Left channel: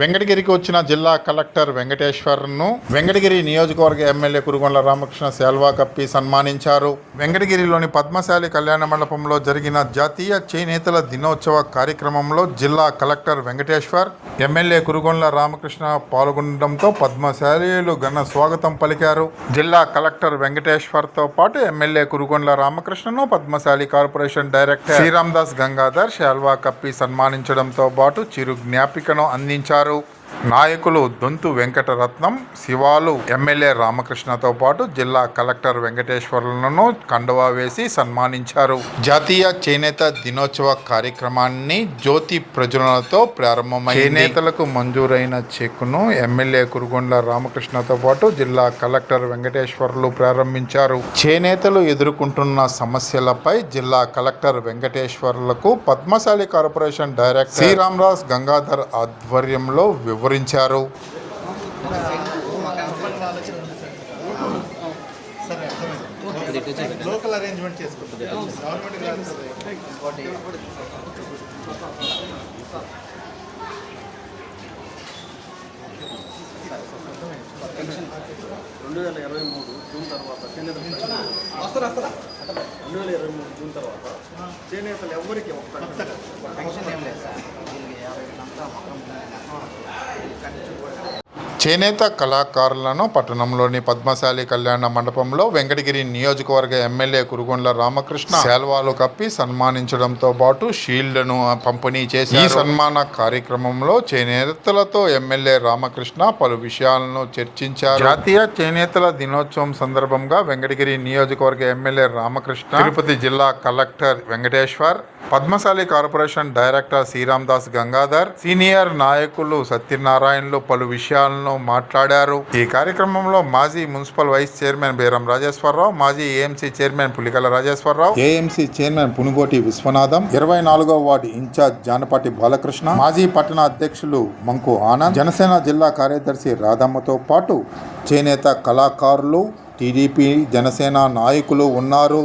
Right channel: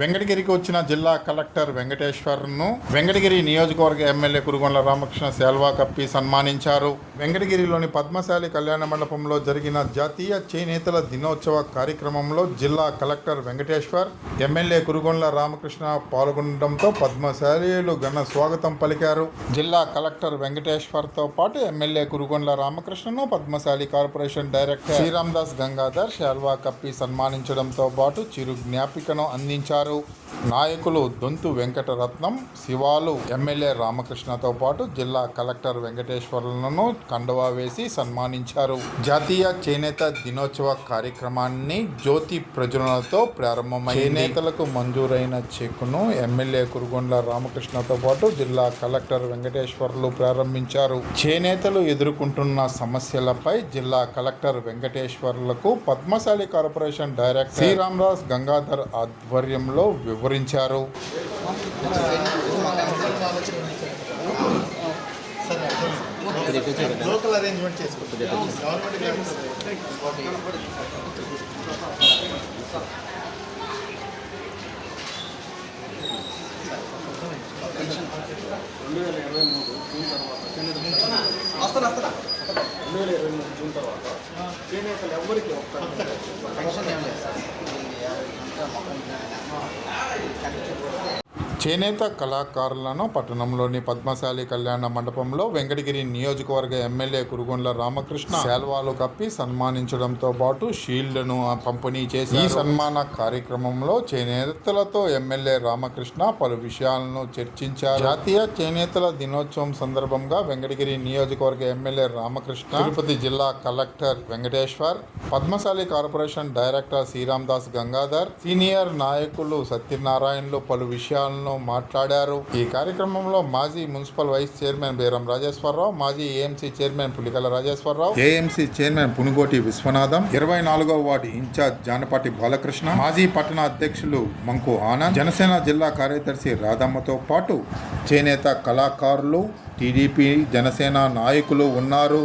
వెంకటగిరికి వచ్చిన జిల్లా కలెక్టర్ వెంకటేశ్వర్ను వెంకటగిరి నియోజకవర్గ ఎమ్మెల్యే కురుగొండల రామకృష్ణ శాల్వా కప్పి సన్మానించారు. వెంకటగిరిలోని పద్మశాలి కళ్యాణ మండపంలో జరిగిన జాతీయ చేనేతల దినోత్సవ కార్యక్రమంలో జిల్లా కలెక్టర్ వెంకటేశ్వర్ ఎమ్మెల్యే కురుగొండ్ల రామకృష్ణ పాల్గొనడంతో పద్మశాలీలు ఘన స్వాగతం పలికారు. జిల్లా కలెక్టర్ వెంకటేశ్వర్తో పాటు ఎమ్మెల్యే కురుగొండ్ల రామకృష్ణను పద్మశాలి కార్పొరేషన్ డైరెక్టర్ శ్రీరామ్దాస్ గంగాధర్ శాల్వా కప్పి సన్మానించడంతో పాటు చిరు జ్ఞాపికను అందించారు. వారు నాయకులు దొంతు వెంకటరత్నం శివాలు ఎమ్మెల్యే రామకృష్ణతో పాటు జిల్లా కలెక్టర్ వెంకటేశ్వర్లను కండువా వేసి సన్మానించారు. జాతీయ చేనేత దినోత్సవ కార్యక్రమాన్ని జ్యోతి ప్రజలతో ప్రారంభమైంది. చేనేతలకు మంజూరైన చెక్కును ఎమ్మెల్యే కురుగొండ్ల రామకృష్ణతో పాటు జిల్లా కలెక్టర్ వెంకటేశ్వర్లు ప్రారంభించారు. చేనేతలు ఎదుర్కొంటున్న సమస్యలపై జిల్లా కలెక్టర్ వెంకటేశ్వర్లకు పద్మశాలి కార్పొరేషన్ డైరెక్టర్ శ్రీరామరాజ్ గంగాధర్ ఆధ్వర్యంలో వివరించారు. లోకల్ అరేంజ్మెంట్ రెండు వేల ఇరవై మూడు జూన్ తర్వాత చేనేత రెండు వేల ఇరవై మూడు జూన్ తర్వాత చేనేతలు ఎవరికి వస్తారు పెన్షన్ ఏం లేదు sir. Một ông già, một. చేనేత కళాకారులను పట్టణంలోని పద్మశాలి కళ్యాణ మండపంలో వెంకటగిరి నియోజకవర్గ ఎమ్మెల్యే కురుగొండ్ల రామకృష్ణ శాల్వాలు కప్పి సన్మానించడంతో పాటు షీల్డ్ను పంపిణీ చేసి ఈ సన్మాన కార్యక్రమంలో చేనేతలతో ఎమ్మెల్యే రామకృష్ణ పలు విషయాలను చర్చించారు. జాతీయ చేనేతల దినోత్సవం సందర్భంగా వెంకటగిరి నియోజకవర్గ ఎమ్మెల్యే రామకృష్ణ తిరుపతి జిల్లా collector Venkateshwar Padmashali corporation director Sriram Das Gangadhar senior నాయకులు సత్యనారాయణలు పలు విషయాలను మాట్లాడారు. ఈ కార్యక్రమంలో మాజీ municipal vice chairman Beram Rajeshwararao మాజీ AMC chairman Pulikala Rajeshwararao AMC chairman Punugoti Vishwanatham ఇరవై నాలుగవ వార్డు ఇన్ఛార్జ్ జానపాటి బాలకృష్ణ మాజీ పట్టణ అధ్యక్షులు మంకు ఆనంద్ జనసేన జిల్లా కార్యదర్శి రాధమ్మతో పాటు చేనేత కళాకారులు టీడీపీ జనసేన నాయకులు ఉన్నారు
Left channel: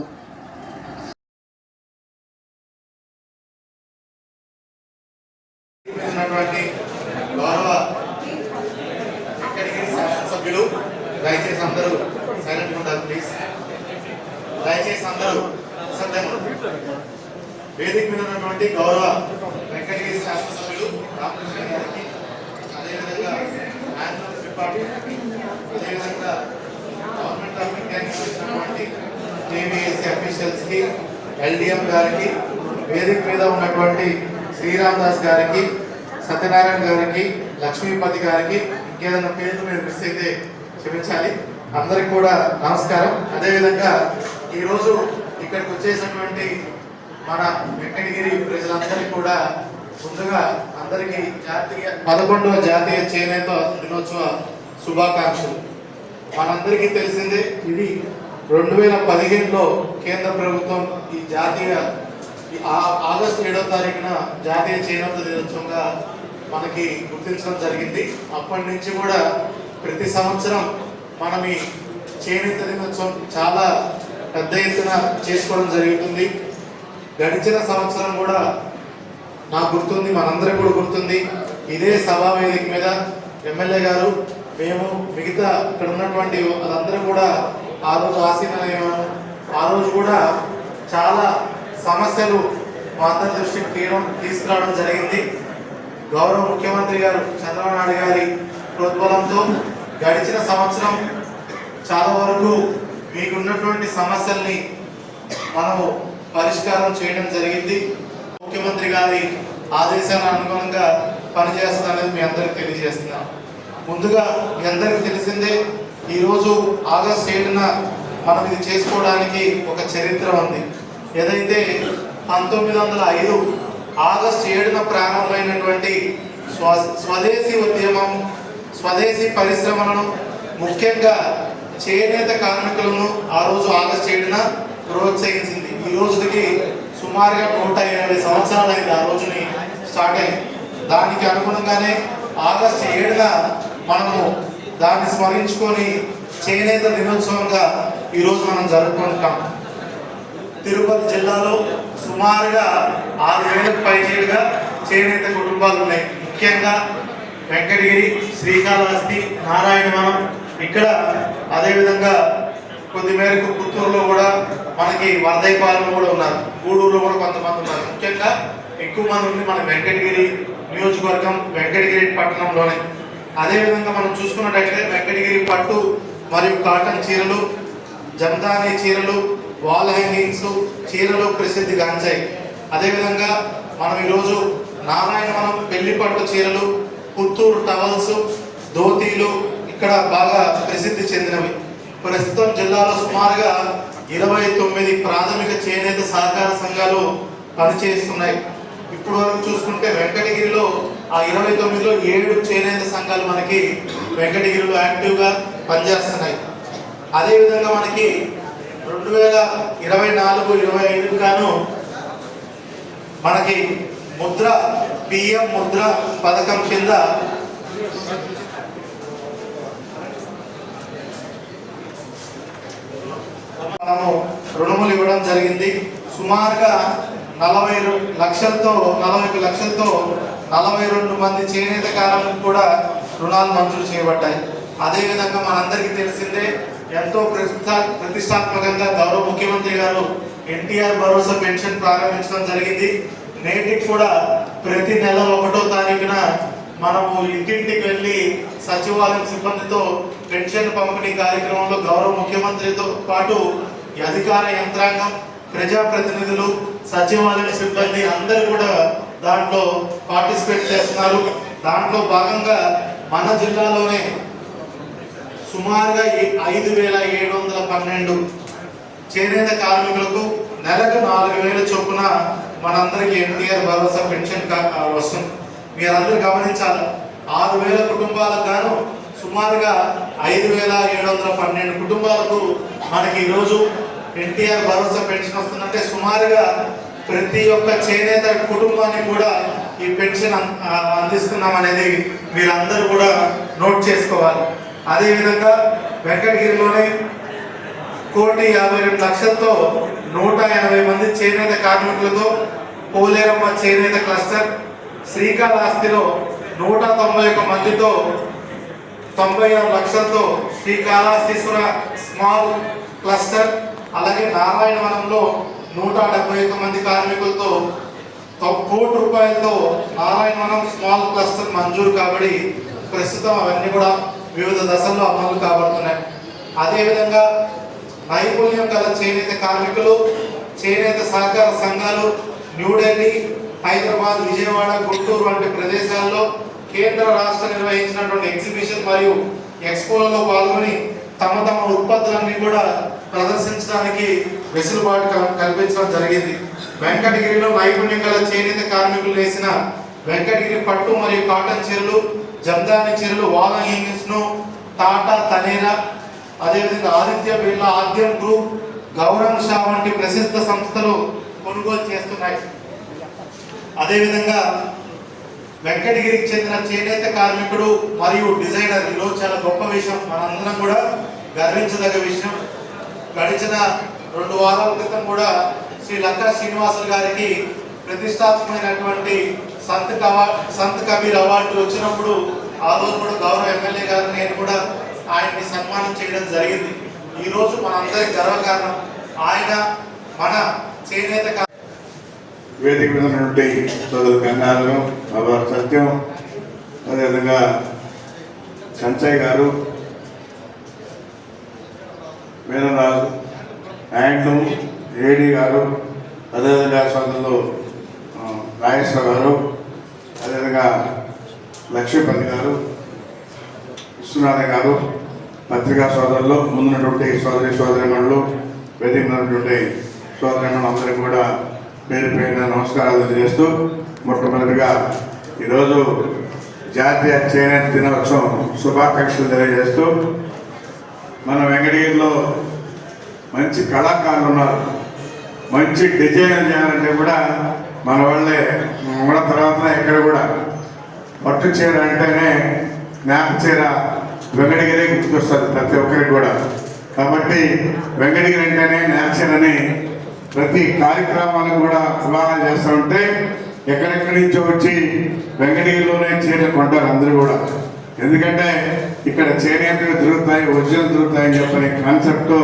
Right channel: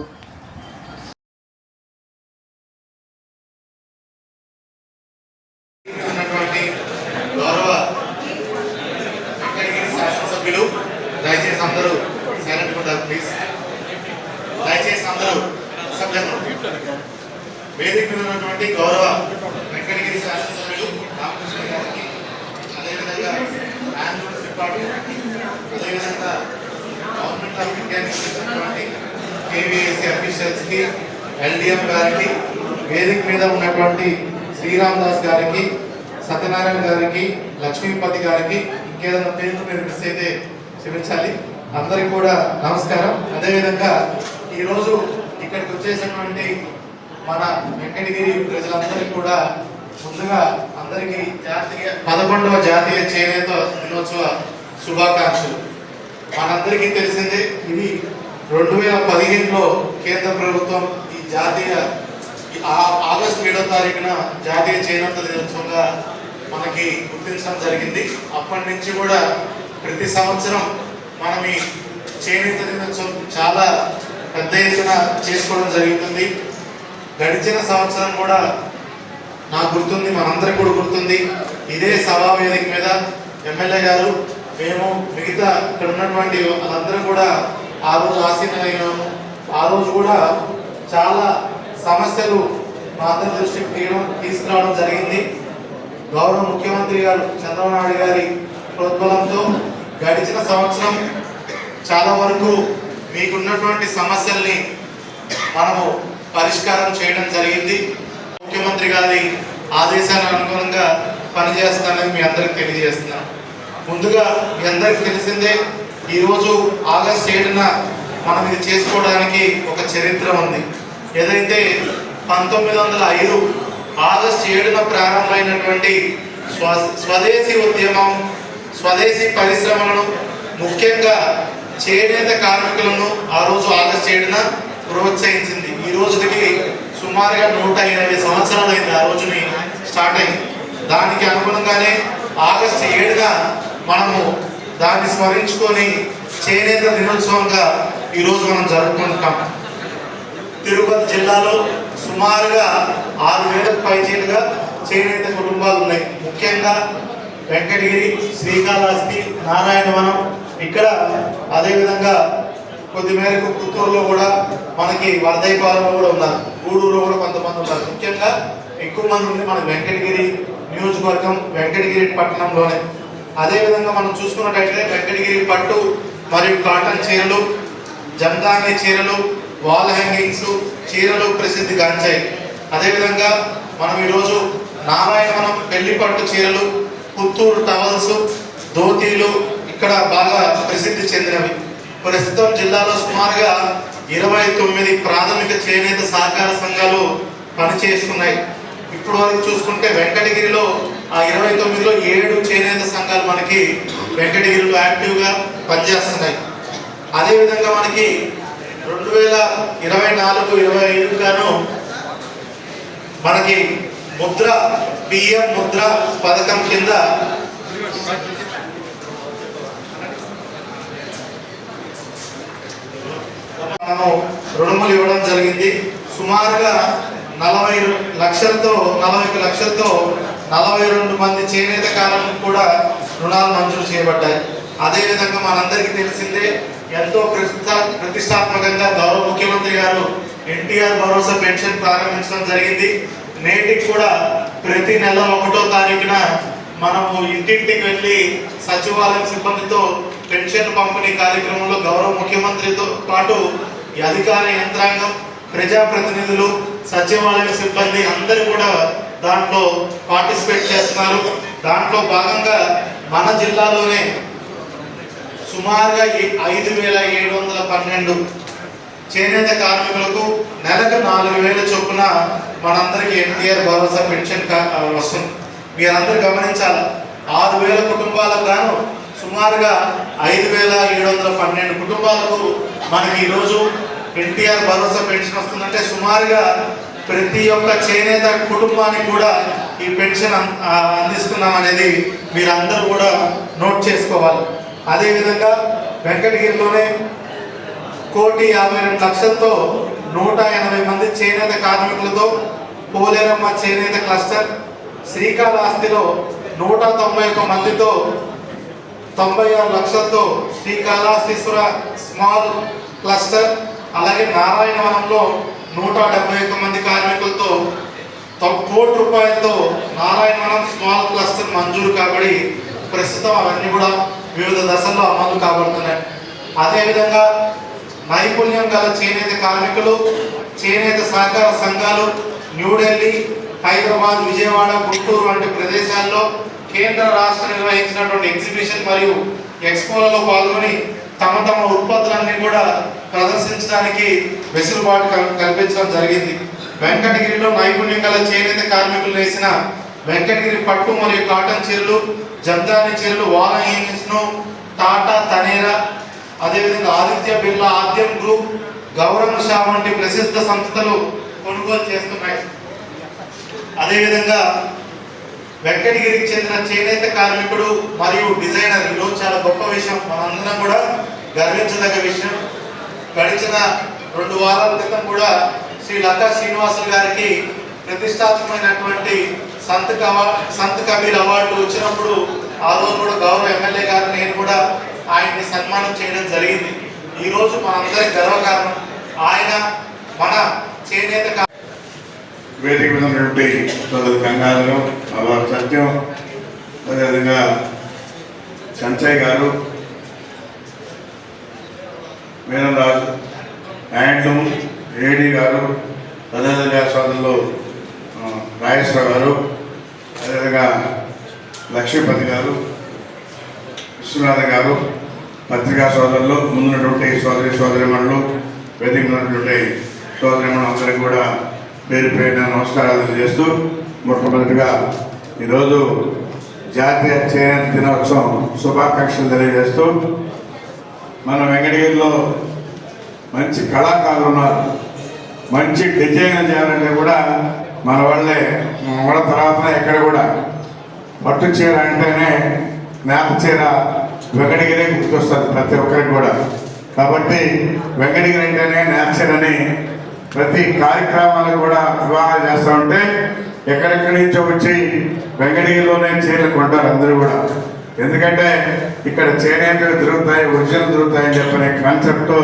ఉన్నటువంటి గౌరవ వెంకటగిరి శాసనసభ్యులు దయచేసి అందరూ సైలెంట్ ఉంటారు ప్లీజ్ దయచేసి అందరూ నిశ్శబ్దంగా వేదిక ఉన్నటువంటి గౌరవ వెంకటగిరి శాసనసభ్యులు రామకృష్ణ గారికి అదేవిధంగా మ్యానేజ్మెంట్ డిపార్ట్మెంట్ అదేవిధంగా గవర్నమెంట్ ఆఫ్ ఇండియా నుంచి వచ్చినటువంటి కేవీఎస్సీ అఫీషియల్స్కి ఎల్డిఎం గారికి వేదిక మీద ఉన్నటువంటి శ్రీరామ్ దాస్ గారికి సత్యనారాయణ గారికి లక్ష్మీపతి గారికి ఇంకేదైనా పేరు మీరు మిస్ అయితే క్షమించాలి. అందరికి కూడా నమస్కారం. అదేవిధంగా ఈరోజు ఇక్కడికి వచ్చేసినటువంటి మన వెంకటగిరి ప్రజలందరికీ కూడా ముందుగా అందరికీ జాతీయ పదకొండవ జాతీయ చేనేత దినోత్సవ శుభాకాంక్షలు. మనందరికీ తెలిసిందే ఇది రెండు వేల పదిహేనులో కేంద్ర ప్రభుత్వం ఈ జాతీయ ఈ ఆగస్టు ఏడో తారీఖున జాతీయ చేనేత దినోత్సవంగా మనకి గుర్తించడం జరిగింది. అప్పటి నుంచి కూడా ప్రతి సంవత్సరం మనం ఈ చేనేత దినోత్సవం చాలా పెద్ద ఎత్తున చేసుకోవడం జరుగుతుంది. గడిచిన సంవత్సరం కూడా నాకు గుర్తుంది మనందరికి కూడా గుర్తుంది. ఇదే సభా వేదిక మీద ఎమ్మెల్యే గారు మేము మిగతా ఇక్కడ ఉన్నటువంటి వాళ్ళందరూ కూడా ఆ రోజు ఆశీర్వదయ్యాము ఆ రోజు కూడా చాలా సమస్యలు మా అందరి దృష్టికి తీయడం తీసుకురావడం జరిగింది. గౌరవ ముఖ్యమంత్రి గారు చంద్రబాబు నాయుడు గారి ప్రోద్బలంతో గడిచిన సంవత్సరం చాలా వరకు మీకున్నటువంటి సమస్యల్ని మనము పరిష్కారం చేయడం జరిగింది. ముఖ్యమంత్రి గారి ఆదేశాల అనుగుణంగా పనిచేస్తానని మీ అందరికి తెలియజేస్తున్నాం. ముందుగా మీ అందరికి తెలిసిందే ఈరోజు ఆగస్ట్ ఏడున మనం ఇది చేసుకోవడానికి ఒక చరిత్ర ఉంది. ఏదైతే పంతొమ్మిది వందల ఐదు ఆగస్ట్ ఏడున ప్రారంభమైనటువంటి స్వ స్వదేశీ ఉద్యమం స్వదేశీ పరిశ్రమలను ముఖ్యంగా చేనేత కార్మికులను ఆ రోజు ఆగస్ట్ ఏడున ప్రోత్సహించింది ఈ రోజుకి సుమారుగా నూట ఇరవై సంవత్సరాలు అయింది ఆ రోజుని స్టార్ట్ అయింది. దానికి అనుగుణంగానే ఆగస్ట్ ఏడున మనము దాన్ని స్మరించుకొని చేనేత దినోత్సవంగా ఈరోజు మనం జరుపుకుంటాం తిరుపతి జిల్లాలో సుమారుగా ఆరు వేలకు పైచేలుగా చేనేత కుటుంబాలు ఉన్నాయి. ముఖ్యంగా వెంకటగిరి శ్రీకాళహస్తి నారాయణవనం ఇక్కడ అదేవిధంగా కొద్ది మేరకు పుత్తూరులో కూడా మనకి వరదైపాలెంలో కూడా ఉన్నారు. గూడూరులో కూడా కొంతమంది ఉన్నారు. ముఖ్యంగా ఎక్కువ మంది ఉంది మన వెంకటగిరి నియోజకవర్గం వెంకటగిరి పట్టణంలోనే. అదేవిధంగా మనం చూసుకున్నట్టయితే వెంకటగిరి పట్టు మరియు కాటన్ చీరలు జందాని చీరలు వాల్ హ్యాంగింగ్స్ చీరలు ప్రసిద్ధి గాంచాయి. అదేవిధంగా మనం ఈరోజు నారాయణవనం పెళ్ళి పట్టు చీరలు పుత్తూరు టవల్స్ ధోతీలు ఇక్కడ బాగా ప్రసిద్ధి చెందినవి. ప్రస్తుతం జిల్లాలో సుమారుగా ఇరవై తొమ్మిది ప్రాథమిక చేనేత సహకార సంఘాలు పనిచేస్తున్నాయి. ఇప్పుడు వరకు చూసుకుంటే వెంకటగిరిలో ఆ ఇరవై తొమ్మిదిలో ఏడు చేనేత సంఘాలు మనకి వెంకటగిరిలో యాక్టివ్గా పనిచేస్తున్నాయి. అదేవిధంగా మనకి రెండు వేల ఇరవై నాలుగు ఇరవై ఐదు గాను మనకి ముద్ర పిఎం ముద్ర పథకం కింద మనము రుణములు ఇవ్వడం జరిగింది. సుమారుగా నలభై లక్షలతో నలభై ఒక లక్షలతో నలభై రెండు మంది చేనేత కారులకు కూడా రుణాలు మంజూరు చేయబడ్డాయి. అదేవిధంగా మనందరికీ తెలిసిందే ఎంతో ప్రతిష్టా ప్రతిష్టాత్మకంగా గౌరవ ముఖ్యమంత్రి గారు ఎన్టీఆర్ భరోసా పెన్షన్ ప్రారంభించడం జరిగింది. నేటికి కూడా ప్రతి నెల ఒకటో తారీఖున మనము ఇంటింటికి వెళ్ళి సచివాలయం సిబ్బందితో పెన్షన్ పంపిణీ కార్యక్రమంలో గౌరవ ముఖ్యమంత్రితో పాటు ఈ అధికార యంత్రాంగం ప్రజాప్రతినిధులు సచివాలయ సిబ్బంది అందరూ కూడా దాంట్లో పార్టిసిపేట్ చేస్తున్నారు. దాంట్లో భాగంగా మన జిల్లాలోనే సుమారుగా ఐదు వేల ఏడు వందల పన్నెండు చేనేత కార్మికులకు నెలకు నాలుగు వేల చొప్పున మనందరికీ ఎన్టీఆర్ భరోసా పెన్షన్ వస్తుంది. మీరందరూ గమనించాలి? ఆరు వేల కుటుంబాలకు గాను సుమారుగా ఐదు వేల ఏడు వందల పన్నెండు కుటుంబాలకు మనకి ఈరోజు ఎన్టీఆర్ భరోసా పెన్షన్ వస్తుందంటే సుమారుగా ప్రతి ఒక్క చేనేత కుటుంబానికి కూడా ఈ పెన్షన్ అందిస్తున్నాం అనేది మీరందరూ కూడా నోట్ చేసుకోవాలి. అదేవిధంగా వెంకటగిరిలోనే కోటి యాభై రెండు లక్షలతో నూట ఎనభై మంది చేనేత కార్మికులతో పోలేరమ్మ చేనేత క్లస్టర్ శ్రీకాళహస్తిలో నూట తొంభై ఒక్క మందితో తొంభై ఆరు లక్షలతో శ్రీకాళహస్తీశ్వర స్మాల్ క్లస్టర్ అలాగే నారాయణవనంలో నూట డెబ్బై ఒక్క మంది కార్మికులతో కోటి రూపాయలతో నారాయణవనం స్మాల్ క్లస్టర్ మంజూరు కాబడి ప్రస్తుతం అవన్నీ కూడా వివిధ దశల్లో అమలు కాబడుతున్నాయి. అదేవిధంగా నైపుణ్యం గల చేనేత కార్మికులు చేనేత సహకార సంఘాలు న్యూఢిల్లీ హైదరాబాద్ విజయవాడ గుంటూరు వంటి ప్రదేశాల్లో కేంద్ర రాష్ట్ర నిర్వహించినటువంటి ఎగ్జిబిషన్ మరియు ఎక్స్పోలలో పాల్గొని తమ తమ ఉత్పత్తులన్నీ కూడా ప్రదర్శించడానికి వెసులుబాటు కల్పించడం జరిగింది. వెంకటగిరిలో నైపుణ్యం గల చేనేత కార్మికులు వేసిన వెంకటగిరి పట్టు మరియు కాటన్ చీరలు జర్దాని చీరలు వాల టాటా తనేరా అదేవిధంగా ఆదిత్య బిర్లా ఆద్యం గ్రూప్ గౌరవ షా వంటి ప్రసిద్ధ సంస్థలు కొనుగోలు చేస్తున్నాయి. అదేవిధంగా వెంకటగిరికి చెందిన చేనేత కార్మికుడు మరియు డిజైనర్ ఈరోజు చాలా గొప్ప విషయం. మనందరం కూడా గర్వించదగ్గ విషయం. గడిచిన రెండు వారాల క్రితం కూడా శ్రీ లతా శ్రీనివాసులు గారికి ప్రతిష్టాత్మకమైనటువంటి సంత్ కవా సంత్ కబీర్ అవార్డు వచ్చినప్పుడు ఆ రోజు కూడా గౌరవ ఎమ్మెల్యే గారు నేను కూడా ఆయన్ని సన్మానం చేయడం జరిగింది. ఈరోజు మనందరి గర్వకారణం ఆయన మన చేనేత వేదిక మీద ఉన్నటువంటి సోదరు గంగాధరం మలవారు సత్యం అదేవిధంగా సంచయ్ గారు వీరరాజు హ్యాండ్లూమ్ ఏడి గారు అదేవిధంగా సోదరులు రాజేశ్వర గారు అదేవిధంగా లక్ష్మీపతి గారు విశ్వనాథ గారు పత్రికా సోదరులు ముందున్నటువంటి సోదరి సోదరిమణులు వేదిక ఉన్నటువంటి సోదరిమణులు అందరికీ కూడా పేరు పేరున నమస్కారాలు తెలియజేస్తూ మొట్టమొదటిగా ఈరోజు జాతీయ చేనేత దినోత్సవం శుభాకాంక్షలు తెలియజేస్తూ మన వెంకటగిరిలో మంచి కళాకారులు ఉన్నారు. మంచి డిజైన్ చేయాలంటే కూడా మన వాళ్ళే మన వాళ్ళ తర్వాతనే ఎక్కడ కూడా పట్టు చీర అంటేనే నేత చీర వెంకటగిరి గుర్తొస్తుంది ప్రతి ఒక్కరికి కూడా. కాబట్టి వెంకటగిరి అంటేనే నేత అని ప్రతి కార్యక్రమాలు కూడా వివాహాలు చేస్తూ ఉంటే ఎక్కడెక్కడి నుంచో వచ్చి వెంకటగిరిలోనే చీరలు కొంటారు అందరూ కూడా. ఎందుకంటే ఇక్కడ చేనేత దొరుకుతాయి ఉద్యోగం దొరుకుతాయని చెప్పనే కాన్సెప్ట్తో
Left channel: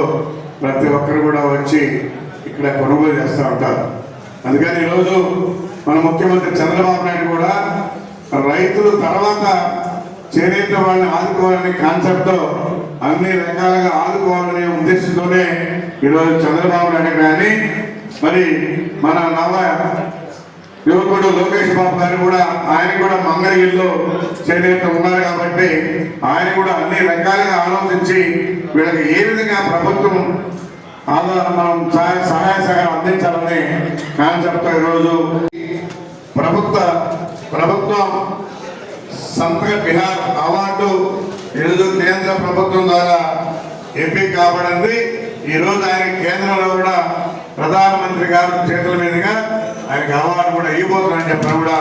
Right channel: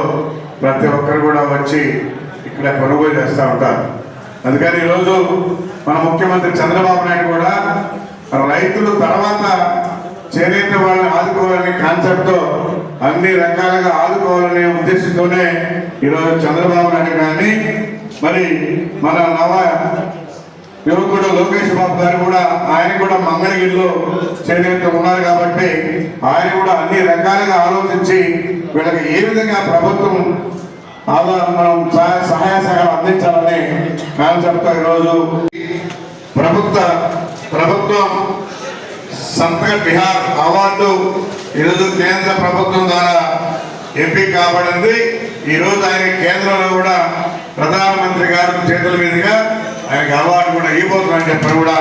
ప్రతి ఒక్కరు కూడా వచ్చి ఇక్కడ కొనుగోలు చేస్తూ ఉంటారు. అందుకని ఈరోజు మన ముఖ్యమంత్రి చంద్రబాబు నాయుడు కూడా రైతులు తర్వాత చేనేత వాళ్ళని ఆదుకోవాలనే కాన్సెప్ట్తో అన్ని రకాలుగా ఆదుకోవాలనే ఉద్దేశంతోనే ఈరోజు చంద్రబాబు నాయుడు కానీ మరి మన నవ యువకుడు లోకేష్ బాబు గారు కూడా ఆయన కూడా మంగళగిరిలో చేనేత ఉన్నారు కాబట్టి ఆయన కూడా అన్ని రకాలుగా ఆలోచించి వీళ్ళకి ఏ విధంగా ప్రభుత్వం ఆధార మనం సహాయ సహాయ సహకారం అందించాలని కాన్సెప్ట్ ఈరోజు. ప్రభుత్వ ప్రభుత్వం సంతక బిహార్ అవార్డు ఈరోజు కేంద్ర ప్రభుత్వం ద్వారా ఎంపిక కాబడింది. ఈరోజు ఆయన కేంద్రంలో కూడా ప్రధానమంత్రి గారి చేతుల మీదుగా ఆయనకు అవార్డు కూడా ఇవ్వబోతుందని చెప్పని కూడా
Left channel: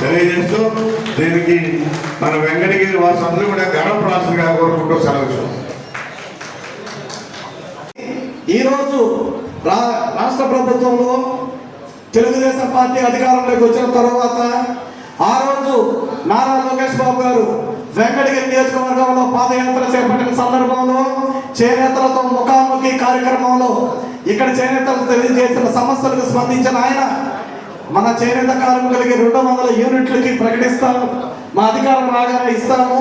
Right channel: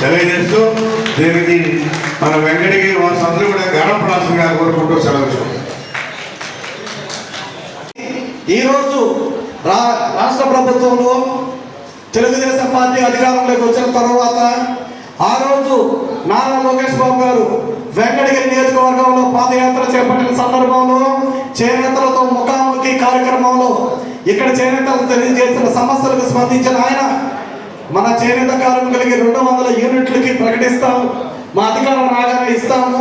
తెలియజేస్తూ దీనికి మన వెంకటగిరి వాసులందరూ కూడా గర్వపడాల్సిందిగా కోరుకుంటూ సెలవు ఈరోజు రా రాష్ట్ర ప్రభుత్వంలో తెలుగుదేశం పార్టీ అధికారంలోకి వచ్చిన తర్వాత నారా లోకేష్ బాబు గారు వెంకటగిరి నియోజకవర్గంలో పాదయాత్ర చేపట్టిన సందర్భంలో చేనేతలతో ముఖాముఖి కార్యక్రమంలో ఇక్కడ చేనేతలకు తెలియజేసిన సమస్యలకు స్పందించిన ఆయన మన చేనేత కార్మికులకి రెండు వందల యూనిట్లకి ప్రకటిస్తాము మా అధికారం రాగానే ఇస్తాము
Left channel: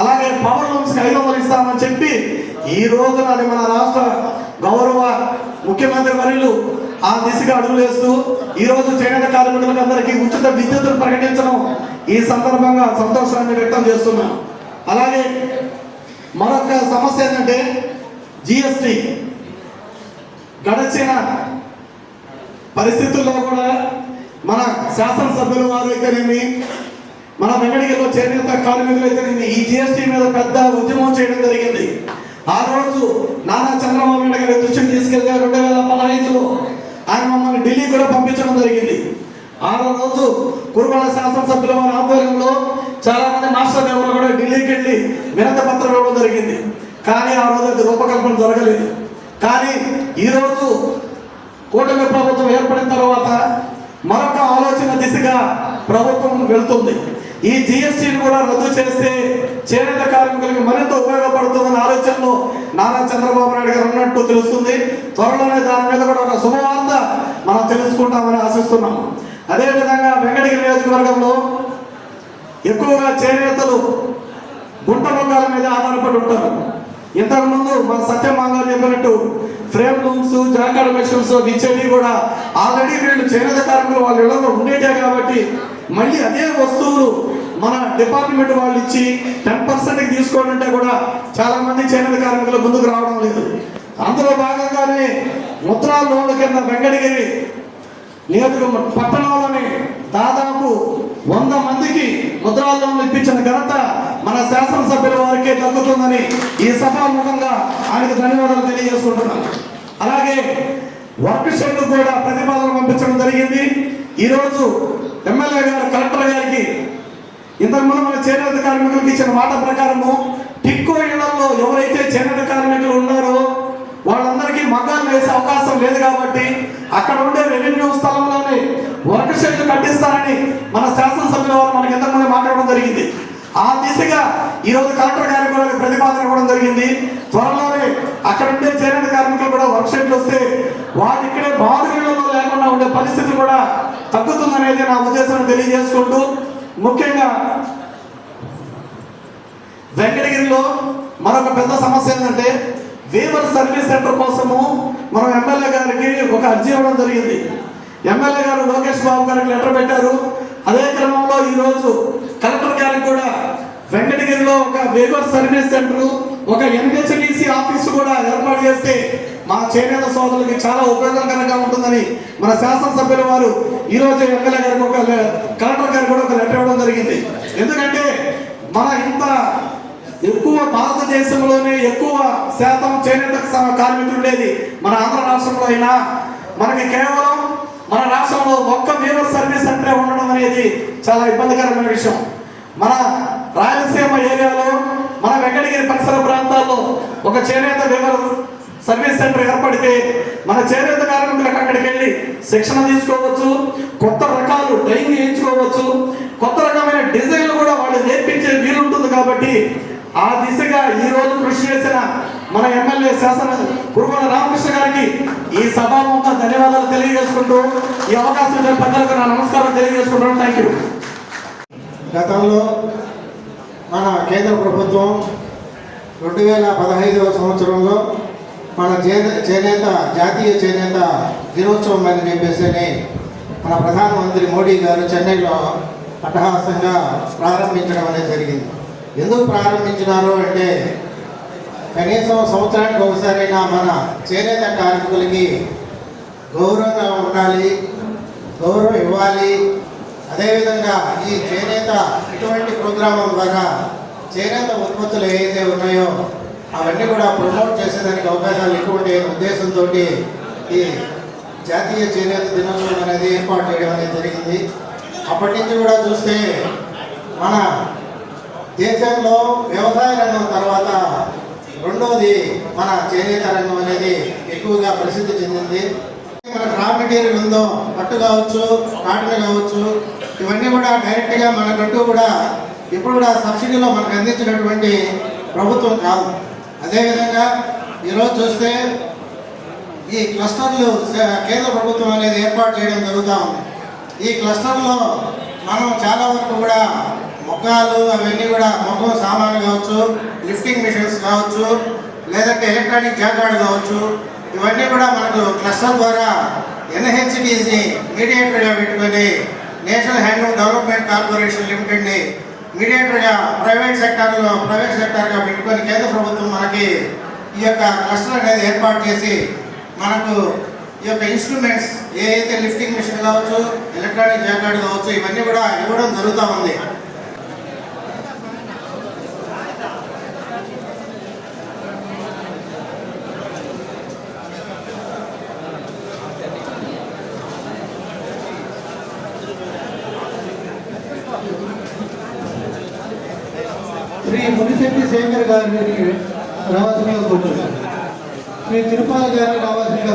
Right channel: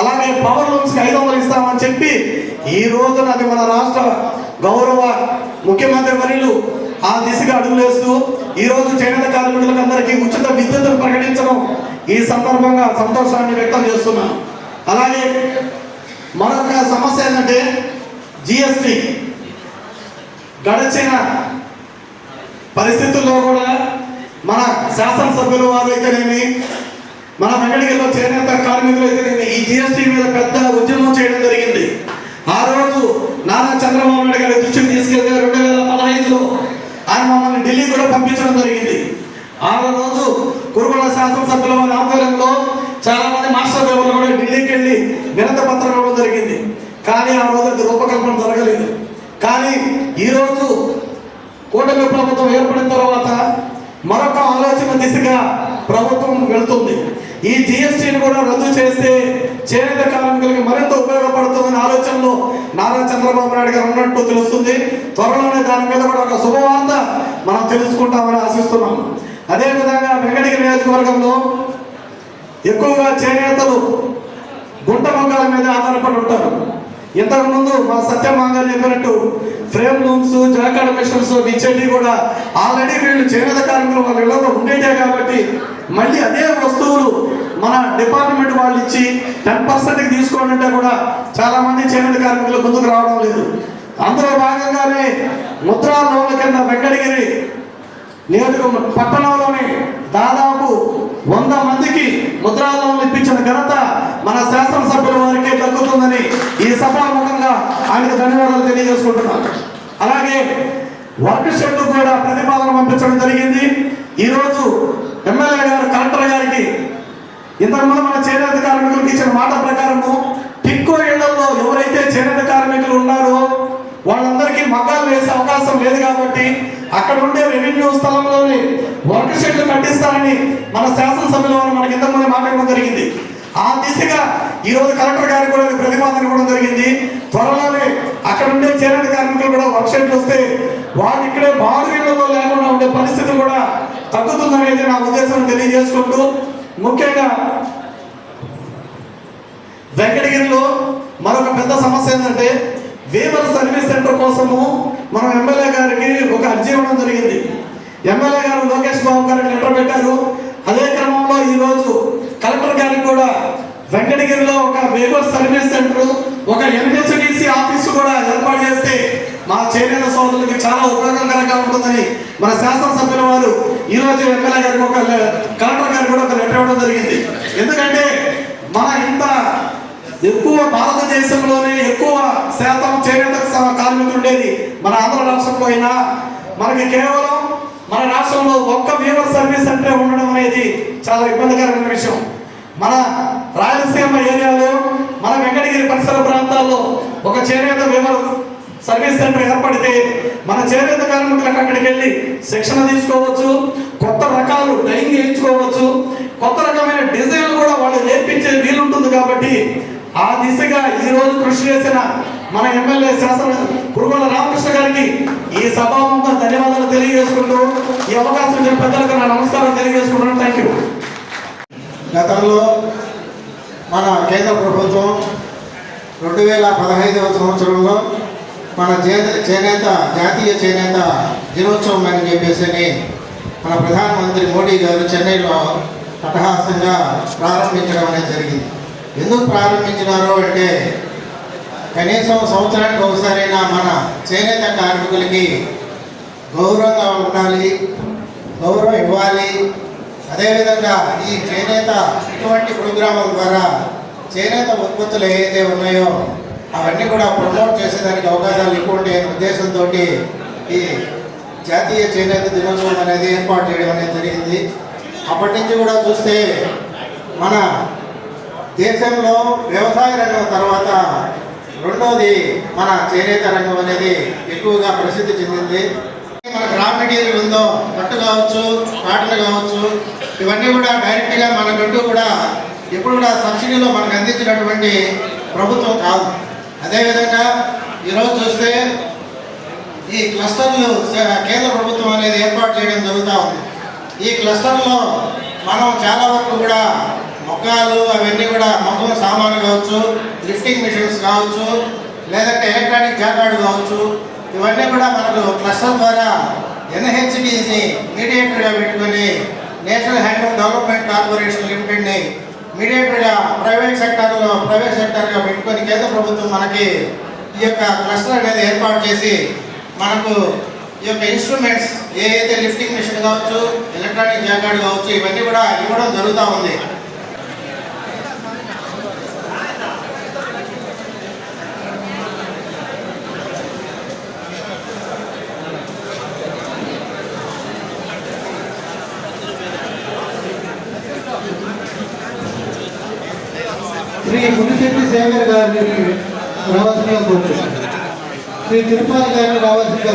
అలాగే పవర్ లూమ్స్కి ఐదు వందలు ఇస్తామని చెప్పి ఈ రోజున అది మన రాష్ట్ర గౌరవ ముఖ్యమంత్రి వర్యులు ఆ దిశగా అడుగులేస్తూ ఈ రోజు చేనేత కార్మికులకు అందరికీ ఉచిత విద్యుత్తును ప్రకటించడం ఈ సందర్భంగా సంతోషాన్ని వ్యక్తం చేస్తున్నాం. అలాగే మరొక సమస్య ఏంటంటే జిఎస్టి గడిచిన పరిస్థితుల్లో కూడా మన శాసనసభ్యులు వారు అయితేనేమి మన వెంకటగిరిలో చేనేత కార్మికులు అయితేనేమి ఈ జిఎస్టి మీద పెద్ద ఉద్యమం చేయడం జరిగింది. ఆ రోజు నారా చంద్రబాబు నాయుడు గారు దృష్టికి తీసుకెళ్తే రెండు వేల పదహైదులో ఆయన మమ్మల్ని ఢిల్లీ కూడా పంపించడం జరిగింది ఆ రోజు కురుగొండ శాసనసభ్యుల వారి ఆధ్వర్యంలో చాలా మంది మాస్టర్ దేవులు కూడా ఢిల్లీకి వెళ్ళి వినత పత్రం ఇవ్వడం జరిగింది కానీ ఆ రోజు అది రూపకల్పన జరగలేదు కానీ ఈరోజు కూటమి ప్రభుత్వం ఏర్పడిన తర్వాత మరొక ఆలోచన దిశగా ప్రభుత్వం వెళ్తుంది ఈ జిఎస్టీని కూడా రద్దు చేస్తే చేనేత కార్మికులకి మరింత ఉపయోగపడుతుందనే ఆలోచనలో నారా చంద్రబాబు నాయుడు గారు ఉన్నట్టు తెలుస్తుంది. త్వరలోనే దాని మీద కూడా ఒక శుభవార్త మనం తెలుసుకుంటామని ఆశిస్తున్నాం. అదేవిధంగా వెంకటగిరి నియోజకవర్గంలో ఎక్కువగా చేనేతలు గుంట బంగాళ మీద ఆధారపడి ఉంటారు. ఇంతకుముందు మా సత్యమాంగ చెప్పినట్టు ఫ్రేమ్ లూమ్స్ జాకాడ మిషన్స్ ఇచ్చేవి కూడా ఆల్రెడీ వీళ్ళు చేనేత కార్మికులు వాళ్ళ ఇళ్ళలో ఉండేటే కాబట్టి మళ్ళీ అదే వస్తువులు మన డిపార్ట్మెంట్ వాళ్ళు ఇచ్చి టెన్ పర్సెంట్కి తీసుకోండి అంటే కూడా చాలా మంది చేనేత కార్మికులు ముందుకు రావడం లేదు. అందులో భాగంగానే ముద్రా లోన్ల కింద వెంకటగిరి నియోజకవర్గం పట్టణంలోని దాదాపు వంద మందికి ముద్రా లోన్లు ఇప్పించిన ఘనత మన శాసనసభ్యుల వారికే దక్కుతుందని ఈ సభాముఖంగా ఆయనకు ధన్యవాదాలు తెలియజేసుకుంటున్నాను. అలాగే వర్క్ షెడ్ కూడా ప్రతిపాదన పంపించడం జరిగింది. ఈరోజు ఎమ్మెల్యే గారు కలెక్టర్ గారికి ఇంతకుముందు మన చేనేత కార్మికులకు ఇచ్చిన మాట ప్రకారము టిక్కో ఇళ్ళలో ఎవరైతే చేనేత కార్మికులు ఉన్నారో వాళ్ళందరికీ మకాలు వేసే అవకాశం లేదు కాబట్టి అక్కడ ఉండే రెవెన్యూ స్థలంలోనే వర్క్ షెడ్లు కట్టిస్తారని మన శాసనసభ్యుల వారు మనకి ఇంతకుముందు మాట్లాడడం జరిగింది. ఆ దిశగా ఈ రోజు కలెక్టర్ గారికి కూడా ప్రతిపాదన ఇవ్వడం జరిగింది. త్వరలో అక్కడ ఉండే చేనేత కార్మికులు కూడా వర్క్ షెడ్లు వస్తే వాళ్ళు ఇక్కడే బాడుగీళ్ళలో లేకుండా ఉండే పరిస్థితి కూడా తగ్గుతుందనేది నా ఉద్దేశం తెలియజేసుకుంటూ ముఖ్యంగా వెంకటగిరిలో మరొక పెద్ద సమస్య ఏంటంటే వేదర్ సర్వీస్ సెంటర్ కోసము మనం ఎమ్మెల్యే గారికి ఒక అర్జీ ఇవ్వడం జరిగింది. ఎమ్మెల్యే గారు లోకేష్ బాబు గారికి లెటర్ పెట్టారు. అదే క్రమంలో ఈరోజు కలెక్టర్ గారికి కూడా వెంకటగిరిలో ఒక వేగర్ సర్వీస్ సెంటర్ ఒక ఎన్హెచ్డిసి ఆఫీసు కూడా ఏర్పాటు చేస్తే మా చేనేత సోదరులకి చాలా ఉపయోగకరంగా ఉంటుందని మన శాసనసభ్యుల వారు ఈ రోజు ఎమ్మెల్యే గారికి ఒక కలెక్టర్ గారికి కూడా ఒక లెటర్ ఇవ్వడం జరిగింది. ఎందుకంటే మన ఇంత ఎక్కువ భారతదేశంలోనే ఎక్కువ శాతం చేనేత కార్మికులు ఉండేది మన ఆంధ్ర రాష్ట్రంలో అయినా మనకి కేవలం మన రాష్ట్రంలో ఒక్క వీవర్ సర్వీస్ సెంటరే ఉండడం అనేది చాలా ఇబ్బందికరమైన విషయం. మన రాయలసీమ ఏరియాలో మన వెంకటగిరి పరిసర ప్రాంతాల్లో ఒక చేనేత వీవర్ సర్వీస్ సెంటర్ ఏర్పడితే మన చేనేత కార్మికులకు అక్కడికి వెళ్ళి శిక్షణ తీసుకోవచ్చు కొత్త రకాలు డైయింగ్ చేయించుకోవచ్చు కొత్త రకమైన డిజైన్లు కూడా వాళ్ళు నేర్పించే వీలుంటుంది కాబట్టి ఆ దిశగా ఈ రోజు కృషి చేసిన మన ఎమ్మెల్యే శాసన కురుమల రామకృష్ణ గారికి ఈ సభాముఖంగా ధన్యవాదాలు తెలియజేసుకుంటూ ఈ అవకాశం ఇచ్చిన పెద్దలకు నా నమస్కారం తెలియజేసుకుంటున్నాను థ్యాంక్ యూ గతంలో మన కేంద్ర ప్రభుత్వం రెండు వేల పదహైదవ సంవత్సరంలో మన చేనే చేనేత జాతీయ చేనేత దినోత్సవం అని చెప్పేసి అని మన ప్రధానమంత్రి మోడీ గారు చెన్నైలో అటహాసంగా ప్రారంభించడం అనేది జరిగింది. ఎందుకు ప్రారంభించినారు అంటే కనీసం సంవత్సరానికి ఒకసారైనా మన చేనేత కార్మికులకి గౌరవంగా ఉండాలి గౌరవం ఇవ్వాలి. అదేవిధంగా ఈ చేనేత ఇటువంటి ప్రోగ్రాం ద్వారా చేనేత ఉత్పత్తులు ఏవైతే ఉన్నాయో అవన్నీ కూడా ప్రమోట్ చేసేదానికి అవకాశాలు ఎక్కువ ఉండే ఉద్దేశంతో ఈ జాతీయ చేనేత దినోత్సవం అనేది ఏర్పాటు చేయడం అనేది జరిగింది. అప్పటి నుంచి కూడా చూస్తే మన దేశంలో వ్యవసాయ రంగం తర్వాత రెండోది మన చేనేత రంగం అనేది ఎక్కువగా ప్రసిద్ధి చెందింది. మన రా మెటీరియల్ ఉందో పట్టు కావచ్చు కాటన్ కావచ్చు ఇవన్నీ కూడా డైరెక్ట్గా మనకంటూ కూడా ఎప్పుడు కూడా సబ్సిడీలో మనకు అందించినటువంటి ప్రభుత్వం కాదు. అదేవిధంగా ఈరోజు చూస్తే ఈ క్లస్టర్లు కేంద్ర ప్రభుత్వం అనేది ఏర్పాటు చేయడం జరుగుతూ ఉంది. ఈ క్లస్టర్లో మనం చాలా వరకు కూడా మొక్కలు అవన్నీ కూడా మొత్తం సామాన్లు కావచ్చు లిఫ్టింగ్ మిషన్స్ కావచ్చు లేదంటే ఎలక్ట్రానిక్ జాకార్డ్ కావచ్చు ఇవన్నీ కూడా మనకు క్లస్టర్ ద్వారా ఎన్హెచ్డిసి మీడియేటర్గా పెట్టుకొని నేషనల్ హ్యాండ్లూమ్ డెవలప్మెంట్ కార్పొరేషన్ లిమిటెడ్ని మీడియేటర్గా ప్రైవేట్ సెక్టార్లో ప్రైవేట్ సెక్టార్గా పెట్టుకొని కేంద్ర ప్రభుత్వం మనకి ఈ యొక్క క్లస్టర్ అనేది ఏర్పాటు చేసి మనకు ఈ యొక్క ఇన్స్ట్రుమెంట్స్ ఏ అయితే లిఫ్టింగ్ మిషన్ కావచ్చు ఎలక్ట్రానిక్ జాకార్డ్ కావచ్చు ఇవన్నీ కూడా ఇవ్వడం జరుగుతూ ఉంది. శ్రీ మునిశెట్టి శేఖర్ గారిని రావాల్సిన కోరుతున్నాను శ్రీ తిరుపతి గారిని రావాల్సిందిగా